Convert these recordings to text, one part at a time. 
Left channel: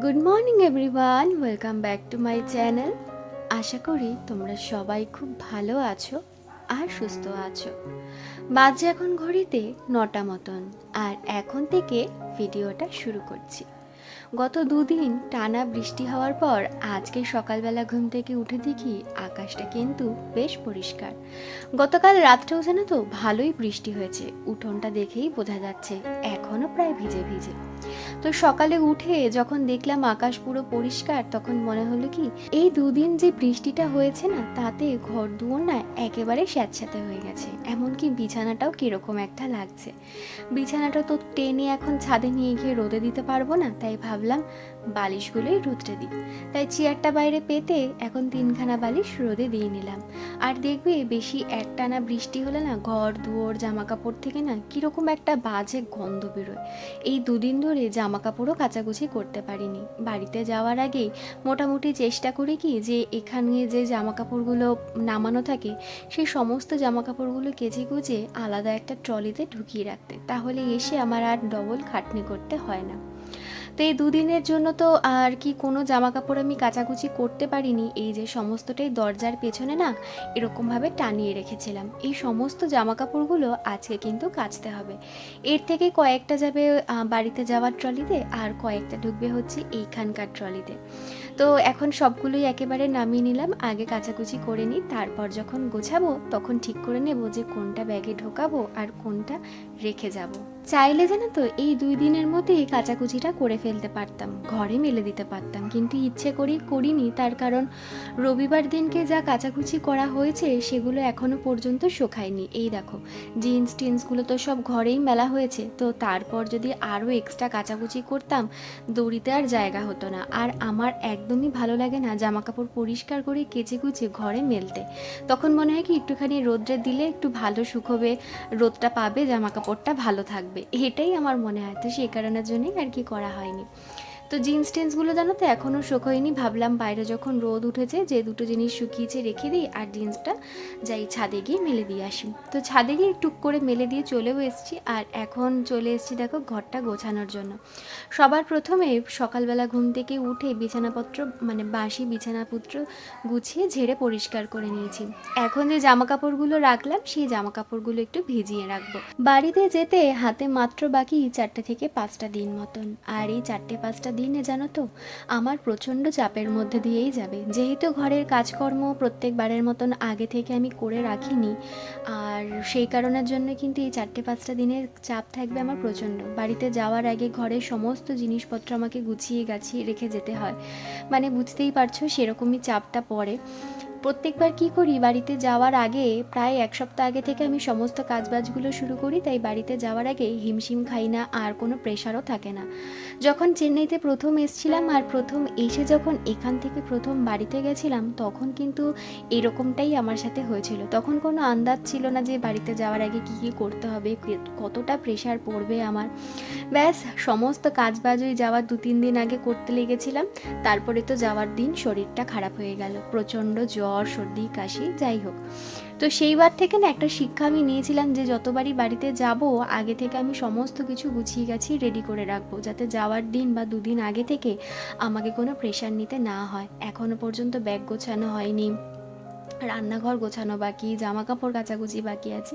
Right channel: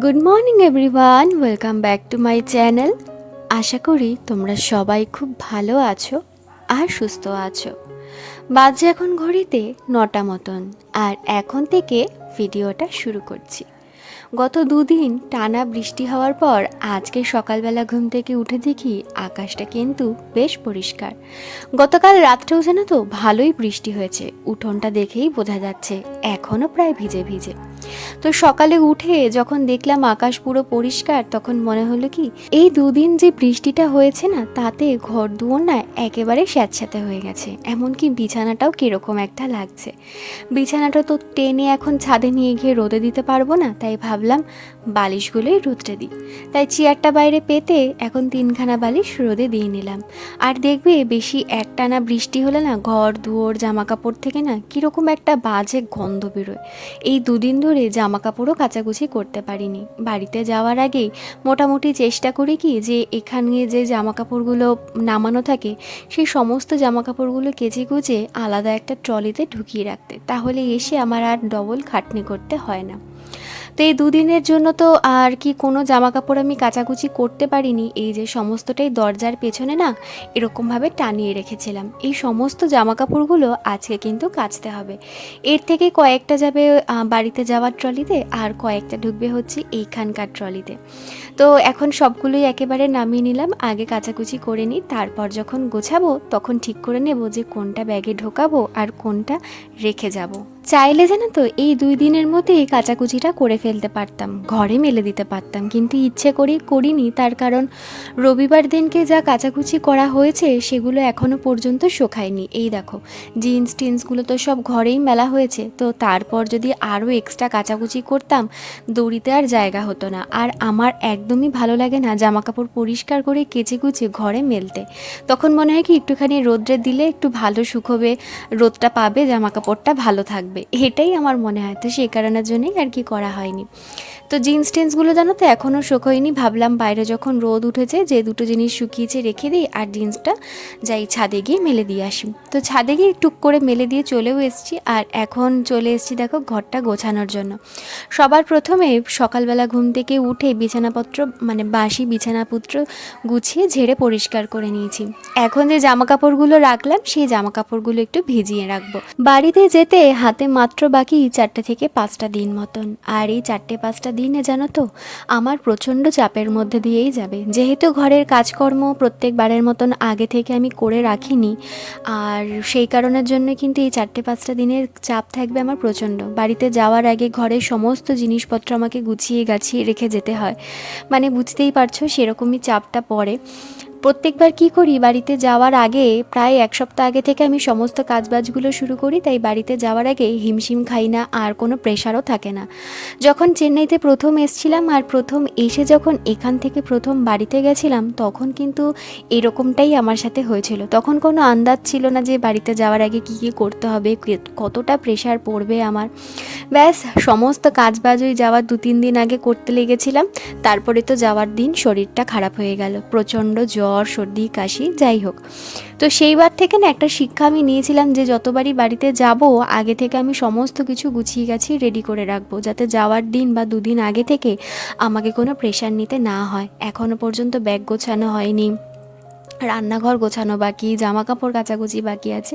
Good morning everyone, welcome back to my channel. আশা করি তোমরা সবাই খুব ভালো আছো আর সুস্থ আছো। বাজে এখন ঘড়িতে 9টা মতন, আর এখন থেকে ভিডিওটা শুরু করছি। গত দুদিন টানা বৃষ্টি হওয়ার পর আজকে সকালবেলা ঘুম থেকে উঠে দেখি আকাশটা কিন্তু বেশ পরিষ্কার। গতকাল রাত্রেও যেন তো ভালোই বৃষ্টি হয়েছে, উঠোনটা দেখেই বোঝা যাচ্ছে এখনও প্রায় ভিজে ভিজে। তো সকালে উঠে যখন দেখলাম আকাশ পুরো পরিষ্কার, তখন মনে হলো কি এই দুদিন যে বৃষ্টিটা হয়েছে না, তাতে ঘর দুয়ার না একেবারে স্যাঁতস্যাঁতে হয়ে গেছে। এমনকি বিছানাটাও কীরকম একটা লাগছে। বিছানাটা তো টেনে এখন ছাদে নিয়ে গিয়ে রোদে দিতে পারবো না, তাই ভাবলাম বালিশগুলোই রোদে দিই। তাই চেয়ারটা বাইরে পেতে এখন 3খানা বালিশ রোদে দিয়ে নিলাম। আর দেখবে বেশি একটানা বৃষ্টি হলে না ঘর দুয়ার জামা কাপড় থেকে না কীরকম একটা বাজে গন্ধ বেরোয়। এই দুদিন ধরে জামা কাপড়ও কাচাকুচি করতে পারিনি। বাড়িতে যাওয়ার আগেই মোটামুটি চেষ্টা করি কি যে এখানে যে জামা কাপড়গুলো নামানো থাকে সেই সমস্ত জামা কাপড়গুলো কেচে কুচে আলাদা একটা ট্রলিতে ঢুকিয়ে রাখতে, তাহলে এসে আমার আর ডবল খাটনি করতে হয় না। তো এই দুদিনের জন্য তো আর কি কোনো জামা কাপড় আমি কাচাকুচি করতে পারিনি। এই যে সমস্তটাই দরজার পেছনে না এরকমভাবে টানিয়ে রেখেছিলাম, এই সমস্ত জামা কাপড়গুলো আজকে কিন্তু কাচতে হবে। এর থেকে কয়েকটা যাবে বাড়িতে যাওয়ার ট্রলিতে, আর কয়েকটা ঢুকবে হচ্ছে এইখানকার ট্রলিতে। তো এখন সবগুলোই একেবারে নামিয়ে নিলাম, আগে কাচাকুচি করে নিই, তারপর যখন গোছাবো তখন ঠিক করে নেব যে কোনটা ব্যাগে ঢোকাবো আর কোনটা রেখে যাব। চাইলে জানো তো এই 2 দিনের মধ্যেই কাচাকুচিটা করে ফেলতে পারতাম, ঘরে মেলে দিতে পারতাম, কিন্তু ইচ্ছে করেই করিনি। তার কারণ রবিবার দিনকে যা কাচাকুচি করা হয়েছে সেগুলো এখনও পর্যন্ত শোকায়নি। এই দেখো জিন্স টিন্সগুলো তো সব ঘরেই মেলা হয়েছে, তো তারপর যদি আরও এক্সট্রা কাচাকুচি করতাম দড়িতে আর জায়গা হতো না। আর আমার একদমই ভালো লাগে না জামা কাপড় পরিষ্কার করে কেচে কুচে ঘরে মেলতে। তখন মনে হয় কি একটুখানি রোদ্রে দিলে একটু ভালো শুকোবে, রোদটা পাবে, জামা কাপড়টা ভালো থাকবে, এটাই আমার মনে হয়। তো সেই কারণের জন্যই আর কি করা হয়নি। তো জিন্স টিন্সগুলো জানো তো এখনও শুকোয়নি, ভাবলাম বাইরে যখন রোদ উঠেছে যে দুটো জিনিস শুকিয়েছে রেখে দিই, আর জিন্সটা যাই ছাদে গিয়ে মেলে দিয়ে আসি। তো ছাদে গিয়ে টুক করে মেলে দিয়ে চলেও এসেছি, আর এখন চলে এসেছি দেখো ঘরটা গোছানোর জন্য। সবার প্রথমে সকালবেলা ঘুম থেকে উঠে বিছানাপত্র মানে বাসি বিছানাপত্র গুছিয়ে ঝেড়ে পরিষ্কার করে নিয়েছি। এখন যে জামা কাপড়গুলো রাখলাম সেই জামা কাপড়গুলো একটু ভিজিয়ে রাখবো। বাড়িতে যেতে হাতে মাত্র বাকি 4টে থেকে 5টা দিন মতন, আর এই 4-5টা দিনে জানো তো আমার প্রচণ্ড চাপের মধ্যে দিয়েই যাবে। যেহেতু ঘরের কাজকর্ম প্রত্যেকবারের মতন আগে থেকে আমি করে রাখিনি, আর সেই কারণের জন্য কিন্তু এই 4-5টা দিনের চাপ থাকবে আমার প্রচণ্ড। বাড়িতে যাওয়ার আগে ঘরের সমস্ত জিনিসপত্র আমাকে গুছিয়ে গাছিয়ে রেখে যেতে হয়, মানে বুঝতেই পারছো সেরকমই চাপটা পড়ে। প্রত্যেকবার কি করি, বাড়িতে যাওয়ার আগে প্রায় 1 সপ্তাহ আগে থেকে আমি সমস্ত কাজবাজগুলো শুরু করি, তাই বাড়িতে যাওয়ার আগে হিমশিম খাই না, আর কোনো প্রেশারও থাকে না। যখন চেন্নাইতে প্রথম এসেছিলাম আর প্রথম এসে যখন এখান থেকে প্রথম বাড়িতে গেছিলাম, তখন কিন্তু এরকমটাই আমার সাথে হয়েছিল। তখন কোনো আন্দাজ ছিল না যে বাড়িতে যাওয়ার আগে কী কী করতে হবে, কতটা প্রেশার পড়বে আমার। ব্যাস সমস্ত কাজবাজ ওই যাওয়ার 2-3 দিন আগে করতে লেগেছিলাম। তারপরে তো যাওয়ার দিন শরীরটা খারাপ হয়ে গেল, প্রচণ্ড জ্বর সর্দি কাশি যাই হোক। তো সেইবার থেকে না একটা শিক্ষা আমি নিয়েছিলাম যে যতবারই বাড়িতে যাব আগে থেকে আমি সমস্ত কিছু গুছিয়ে গেছি রেডি করে রাখবো, যাতে যাওয়ার দিন বা 2 দিন আগে থেকে আমাকে কোনো প্রেশার নিতে না হয়। এখনও পর্যন্ত ব্যাগ গোছানো হয়নি, রান্নাঘর গোছানো বাকি, জামা কাপড় কাচাকুচি বাকি আছে,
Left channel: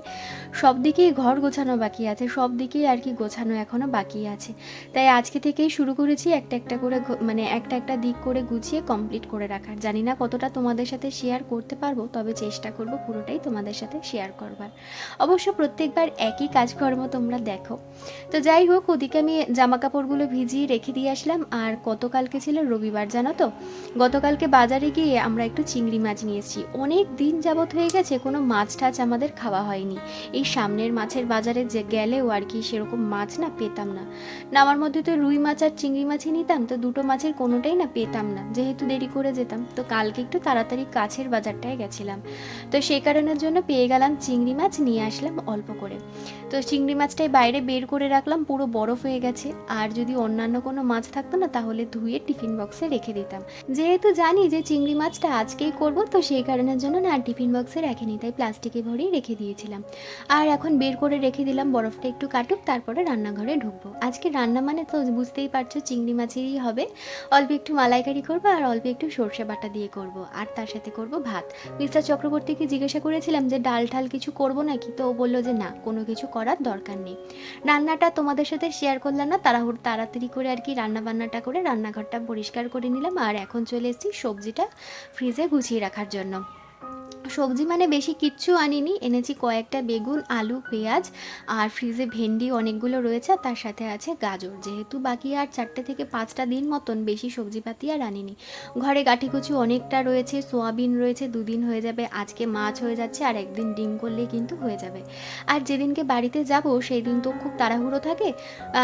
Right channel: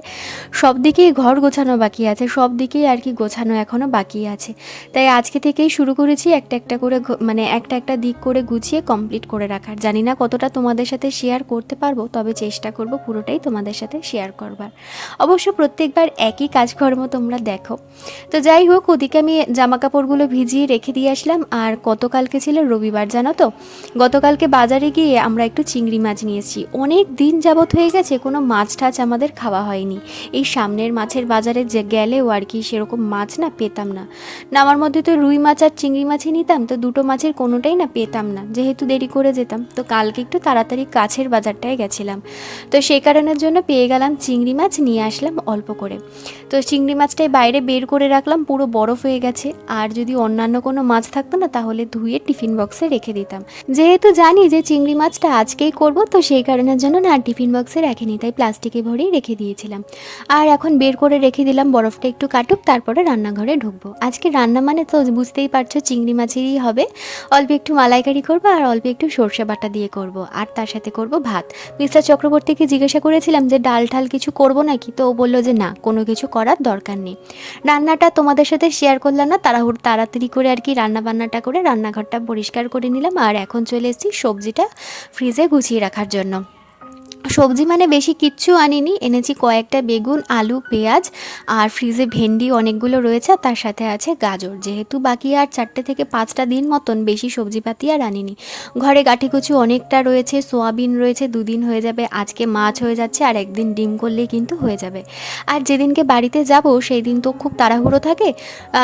সব দিকেই ঘর গোছানো বাকি আছে, সব দিকেই আর কি গোছানো এখনও বাকি আছে। তাই আজকে থেকেই শুরু করেছি একটা একটা করে মানে একটা একটা দিক করে গুছিয়ে কমপ্লিট করে রাখার। জানি না কতটা তোমাদের সাথে শেয়ার করতে পারবো, তবে চেষ্টা করব পুরোটাই তোমাদের সাথে শেয়ার করবার। অবশ্য প্রত্যেকবার একই কাজকর্ম তোমরা দেখো। তো যাই হোক, ওদিকে আমি জামা কাপড়গুলো ভিজিয়ে রেখে দিয়ে আসলাম। আর গতকালকে ছিল রবিবার, জানো তো গতকালকে বাজারে গিয়ে আমরা একটু চিংড়ি মাছ নিয়ে এসেছি। অনেক দিন যাবত হয়ে গেছে কোনো মাছ টাছ আমাদের খাওয়া হয়নি। এই সামনের মাছের বাজারে যে গেলেও আর কি সেরকম মাছ না পেতাম না। নামার মধ্যে তো রুই মাছ আর চিংড়ি মাছই নিতাম, তো দুটো মাছের কোনোটাই না পেতাম না, যেহেতু দেরি করে যেতাম। তো কালকে একটু তাড়াতাড়ি কাছের বাজারটায় গেছিলাম, তো সেই কারণের জন্য পেয়ে গেলাম চিংড়ি মাছ, নিয়ে আসলাম অল্প করে। তো চিংড়ি মাছটাই বাইরে বের করে রাখলাম, পুরো বরফ হয়ে গেছে। আর যদি অন্যান্য কোনো মাছ থাকতো না তাহলে ধুয়ে টিফিন বক্সে রেখে দিতাম। যেহেতু জানি যে চিংড়ি মাছটা আজকেই করব, তো সেই কারণের কারণের জন্য না টিফিন বক্সে রাখিনি, তাই প্লাস্টিকে ভরেই রেখে দিয়েছিলাম। আর এখন বের করে রেখে দিলাম, বরফটা একটু কাটুক, তারপরে রান্নাঘরে ঢুকবো। আজকে রান্না মানে তো বুঝতেই পারছো, চিংড়ি মাছেরই হবে। অল্প একটু মালাইকারি করবো আর অল্প একটু সর্ষে বাটা দিয়ে করব, আর তার সাথে করব ভাত। মিস্টার চক্রবর্তীকে জিজ্ঞাসা করেছিলাম যে ডাল ঠাল কিছু করব নাকি, তো ও বললো যে না, কোনো কিছু করার দরকার নেই। রান্নাটা তোমাদের সাথে শেয়ার করলাম না, তাড়াতাড়ি করে আর কি রান্না বান্নাটা করে রান্নাঘরটা পরিষ্কার করে নিলাম। আর এখন চলে এসেছি সবজিটা ফ্রিজে গুছিয়ে রাখার জন্য। সবজি মানে বেশি কিচ্ছু আনিনি, এনেছি কয়েকটা বেগুন, আলু, পেঁয়াজ, আর ফ্রিজে ভেন্ডি অনেকগুলো রয়েছে, আর তার সাথে আছে গাজর। যেহেতু বাকি আর 4 থেকে 5টা দিন মতন, বেশি সবজিপাতি আর আনিনি। ঘরে গাঁঠিকুচি অনেকটা রয়েছে, সোয়াবিন রয়েছে, 2 দিন হয়ে যাবে। আজকে মাছ হয়ে যাচ্ছে, আর একদিন ডিম করলেই কিন্তু হয়ে যাবে। আর যেদিনকে বাড়িতে যাব সেই দিন তো খুব তাড়াহুড়ো থাকে,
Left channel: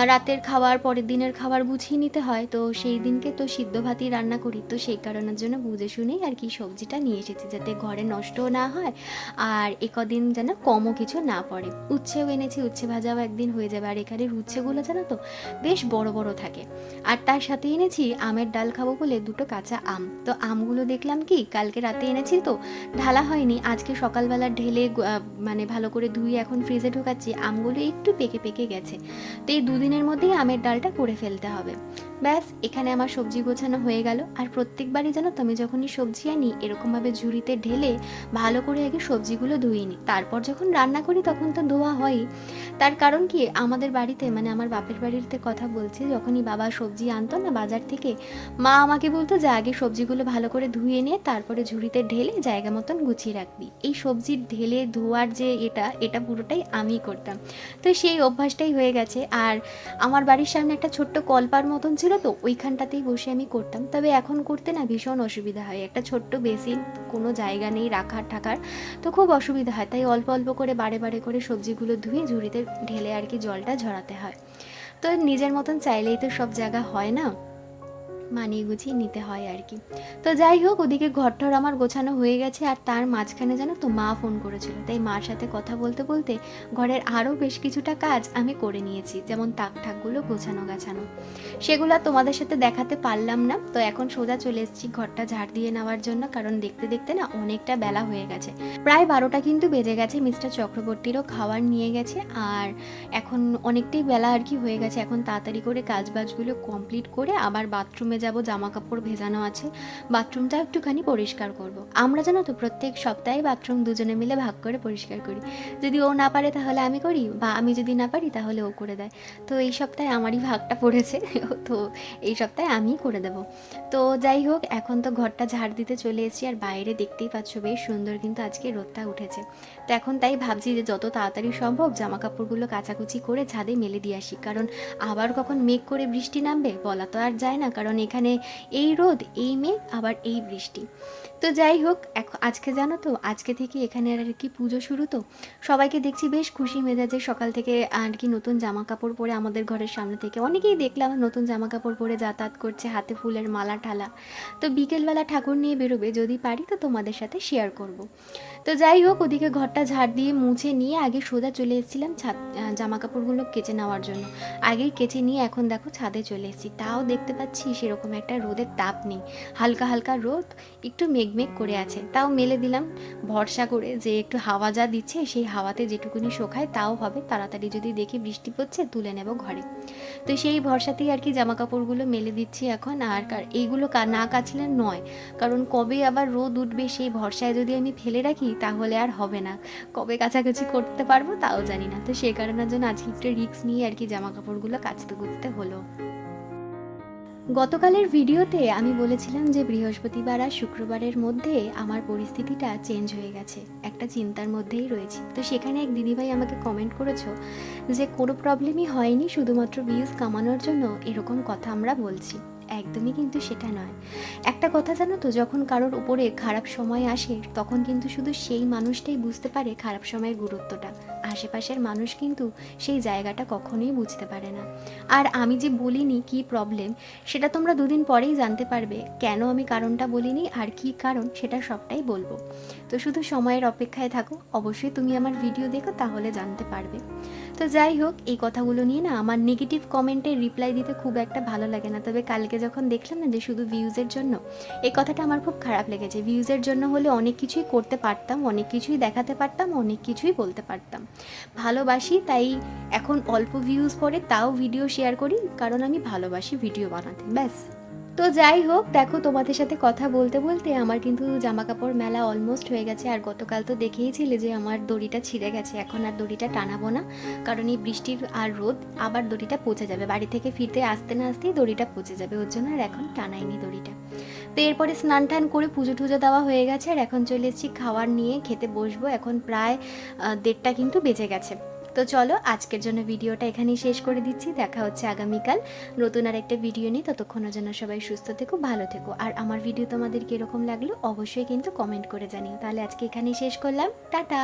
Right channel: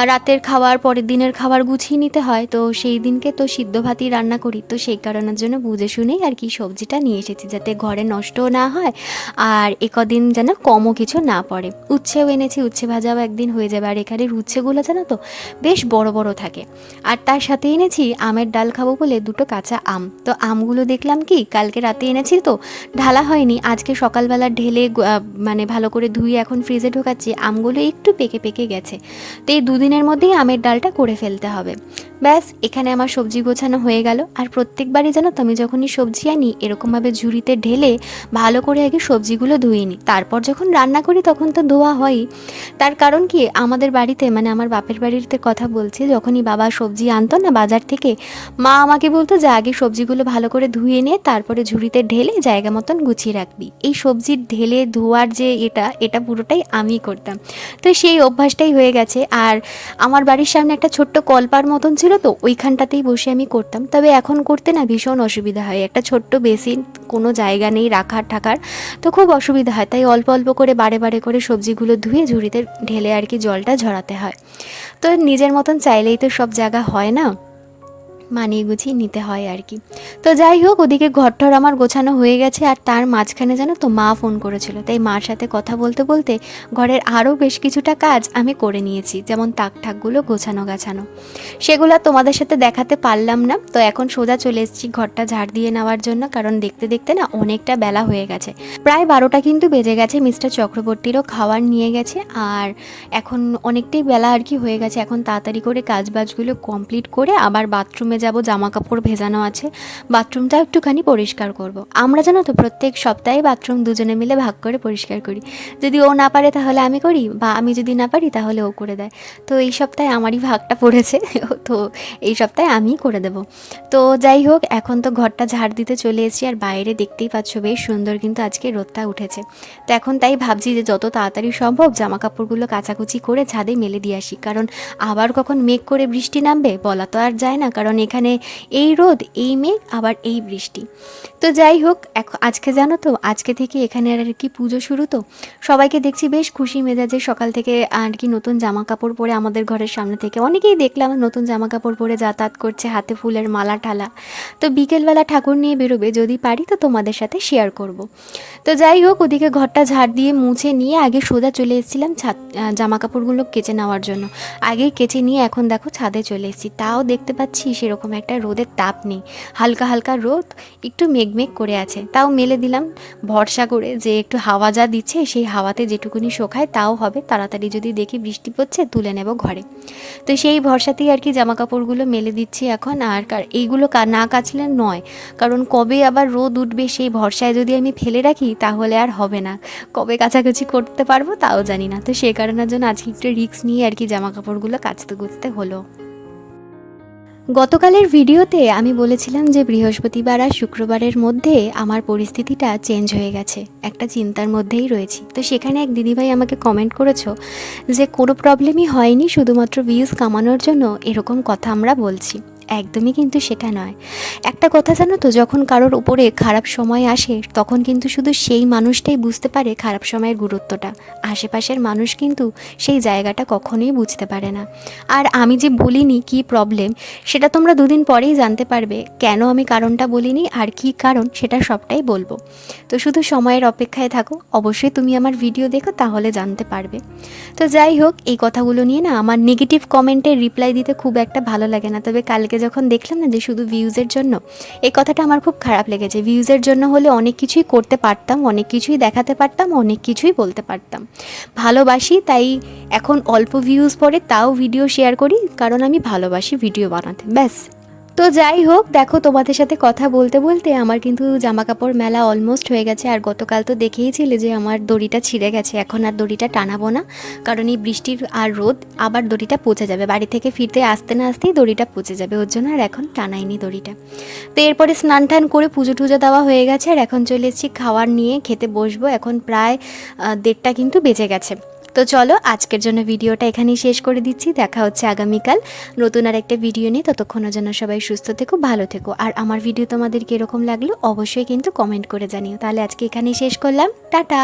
রাতের খাবার পরের দিনের খাবার গুছিয়ে নিতে হয়, তো সেই দিনকে তো সিদ্ধ ভাতই রান্না করি। তো সেই কারণের জন্য বুঝে শুনেই আর কি সবজিটা নিয়ে এসেছি, যাতে ঘরে নষ্ট না হয় আর একদিন যেন কমও কিছু না পড়ে। উচ্ছেও এনেছি, উচ্ছে ভাজাও একদিন হয়ে যাবে। আর এখানের উচ্ছেগুলো জানো তো বেশ বড় বড় থাকে। আর তার সাথে এনেছি আমের ডাল খাবো বলে 2টো কাঁচা আম। তো আমগুলো দেখলাম কি কালকে রাতে এনেছি, তো ঢালা হয়নি, আজকে সকালবেলা ঢেলে মানে ভালো করে ধুয়ে এখন ফ্রিজে ঢোকাচ্ছি। আমগুলো একটু পেকে পেকে গেছে, তো এই 2 দিনের মধ্যেই আমের ডালটা করে ফেলতে হবে। ব্যাস, এখানে আমার সবজি গোছানো হয়ে গেল। আর প্রত্যেকবারই জানো তো আমি যখনই সবজি আনি এরকমভাবে ঝুড়িতে ঢেলে ভালো করে আগে সবজিগুলো ধুয়ে নিই, তারপর যখন রান্না করি তখন তো ধোয়া হয়ই। তার কারণ কি, আমাদের বাড়িতে মানে আমার বাপের বাড়িতে কথা বলছি, যখনই বাবা সবজি আনতো না বাজার থেকে, মা আমাকে বলতো যে আগে সবজিগুলো ভালো করে ধুয়ে নিয়ে তারপরে ঝুড়িতে ঢেলে জায়গা মতন গুছিয়ে রাখবি। এই সবজির ঢেলে ধোয়ার যে এটা পুরোটাই আমি করতাম, তো সেই অভ্যাসটাই হয়ে গেছে। আর আমার বাড়ির সামনে একটা ছোট্ট কলপার মতন ছিল, তো ওইখানটাতেই বসে আমি করতাম। তবে এখন করতে না ভীষণ অসুবিধা হয়, একটা ছোট্ট বেসিন, কোনো জায়গা নেই রাখার ঠাকার, তো খুব অসুবিধা হয়। তাই অল্প অল্প করে বারে বারে করে সবজিগুলো ধুয়ে ঝুড়িতে ঢেলে আর কি জলটা ঝরাতে হয়। তো নিজের মতন চাইলেই তো সব জায়গা হয় না, মানিয়ে গুছিয়ে নিতে হয় আর কি। তো যাই হোক, ওদিকে ঘরটর আমার গোছানো হয়ে গেছে। আর তার মাঝখানে জানো তো মা ফোন করেছিল, তাই মার সাথে কথা বলতে বলতে ঘরের আরও বেশ কিছুটা কাজ আমি করে নিয়েছি, যেমন তাক ঠাকগুলো গাছানো। সেগুলো তোমাদের সাথে দেখাতে পারলাম না। তো এখন সোজা চলে এসেছি ঘরটা ঝাড় দিয়ে নেওয়ার জন্য, কারণ দেখতে দেখতে না অনেকটা বেলা হয়ে গেছে, প্রায় 12টা কিন্তু বেজে গেছে। মিস্টার চক্রবর্তীরও খাবার নিয়ে গেছে, আর এখন অনেকটাই বেলা আর কি হয়ে গেছে। এখন তাড়াতাড়ি করে কাজবাজগুলো কমপ্লিট করে আবার বাথরুমে যাব, জামা কাপড় ভেজানো আছে, বাথরুমটা একটুখানি পরিষ্কার করব। আমরা জানো তো প্রত্যেক সপ্তাহে বাথরুম দুজনে মিলে ভাগ করে পরিষ্কার করি। যদি ও না পারে তাহলে আমি করি, বা আমি যদি না পারি তাহলে ও করে দেয়। তো এই সপ্তাহে আমারই ভাগটা পড়েছে, তো এই সপ্তাহে আমিই করে দেব। তো যাই হোক, এখন তো ঘরটা ঝাড় দিতে চলে এসেছি। আর বাইরে দেখতেই পাচ্ছ বেশ সুন্দর কিন্তু আজকে রোদটা উঠেছে। তো এখন তাই ভাবছি যে যত তাড়াতাড়ি সম্ভব জামা কাপড়গুলো কাচাকুচি করে ছাদে মেলে দিয়ে আসি, কারণ আবার কখন মেঘ করে বৃষ্টি নামবে বলা তো আর যায় না, কারণ এখানে এই রোদ, এই মেঘ, আবার এই বৃষ্টি। তো যাই হোক, আজকে জানো তো আজকে থেকে এখানে আর কি পুজো শুরু। তো সবাইকে দেখছি বেশ খুশি মেজাজে সকাল থেকে আর কি নতুন জামা কাপড় পরে আমাদের ঘরের সামনে থেকে অনেকেই দেখলাম নতুন জামা কাপড় পরে যাতায়াত করছে, হাতে ফুলের মালা ঠালা। তো বিকেলবেলা ঠাকুর নিয়ে বেরোবে, যদি পারি তো তোমাদের সাথে শেয়ার করব। তো যাই হোক, ওদিকে ঘরটা ঝাড় দিয়ে মুছে নিয়ে আগে সোজা চলে এসেছিলাম জামা কাপড়গুলো কেচে নেওয়ার জন্য। আগেই কেচে নিয়ে এখন দেখো ছাদে চলে এসেছি। তাও দেখতে পাচ্ছি সেরকম একটা রোদের তাপ নেই, হালকা হালকা রোদ, একটু মেঘমেঘ করে আছে। তাও মেলে দিলাম ভরসা করে যে একটু হাওয়া যা দিচ্ছে সেই হাওয়াতে যেটুকুনি শোকায় তাও হবে, তাড়াতাড়ি যদি দেখি বৃষ্টি পড়ছে তুলে নেব ঘরে। তো সেই ভরসাতেই আর কি জামা কাপড়গুলো মেলে দিচ্ছি এখন। আর এইগুলো না কাচলে নয়, কারণ কবে আবার রোদ উঠবে সেই ভরসায় যদি আমি ফেলে রাখি তাহলে আর হবে না, কবে কাচাকাচি করতে পারবো তাও জানি না। তো সেই কারণের জন্য আজকে একটু রিস্ক নিয়ে আর কি জামা কাপড়গুলো কাচতে কুচতে হলো। গতকালের ভিডিওতে আমি বলেছিলাম যে বৃহস্পতিবার আর শুক্রবারের মধ্যে আমার পরিস্থিতিটা চেঞ্জ হয়ে গেছে, একটা চিন্তার মধ্যেই রয়েছি। তো সেখানে এক দিদিভাই আমাকে কমেন্ট করেছো যে কোনো প্রবলেমই হয়নি, শুধুমাত্র ভিউজ কামানোর জন্য এরকম কথা আমরা বলছি। একদমই কিন্তু সেটা নয়। একটা কথা জানো তো, যখন কারোর উপরে খারাপ সময় আসে তখন কিন্তু শুধু সেই মানুষটাই বুঝতে পারে খারাপ সময়ের গুরুত্বটা, আশেপাশের মানুষ কিন্তু সেই জায়গাটা কখনোই বুঝতে পারে না। আর আমি যে বলিনি কি প্রবলেম, সেটা তোমরা 2 দিন পরেই জানতে পারবে কেন আমি কারণটা বলিনি, আর কি কারণ সেটা সবটাই বলবো। তো শুধু সময়ের অপেক্ষায় থাকো, অবশ্যই তুমি আমার ভিডিও দেখো তাহলে জানতে পারবে। তো যাই হোক, এই কথাগুলো নিয়ে না আমার নেগেটিভ কমেন্টের রিপ্লাই দিতে খুব একটা ভালো লাগে না, তবে কালকে কালকে যখন দেখলাম না যে শুধু ভিউজের জন্য, এই কথাটা আমার খুব খারাপ লেগেছে। ভিউজের জন্য হলে অনেক কিছুই করতে পারতাম, অনেক কিছুই দেখাতে পারতাম, অনেক কিছুই বলতে পারতাম। ভালোবাসি তাই এখন অল্প ভিউজ পড়ে তাও ভিডিও শেয়ার করি, কারণ আমি ভালোবাসি ভিডিও বানাতে, ব্যাস। তো যাই হোক, দেখো তোমাদের সাথে কথা বলতে বলতে আমার কিন্তু জামা কাপড় মেলা অলমোস্ট হয়ে গেছে। আর গতকাল তো দেখেইছিলে যে আমার দড়িটা ছিঁড়ে গেছে, এখন আর দড়িটা টানাবো না, কারণ এই বৃষ্টির আর রোদ আবার দড়িটা পচে যাবে, বাড়ি থেকে ফিরতে আসতে না আসতেই দড়িটা পচে যাবে, ওর জন্য আর এখন টানাইনি দড়িটা। তো এরপরে স্নান টান করে পুজো টুজো দেওয়া হয়ে গেছে, আর এখন চলে এসেছি খাবার নিয়ে খেতে বসবো। এখন প্রায় 1:30টা কিন্তু বেজে গেছে। তো চলো আজকের জন্য ভিডিওটা এখানেই শেষ করে দিচ্ছি, দেখা হচ্ছে আগামীকাল নতুন আর একটা ভিডিও নিয়ে। ততক্ষণের জন্য সবাই সুস্থ থেকো, ভালো থেকো, আর আমার ভিডিও তোমাদের কীরকম লাগলো অবশ্যই কিন্তু কমেন্ট করে জানিও। তাহলে আজকে এখানেই শেষ করলাম, টাটা।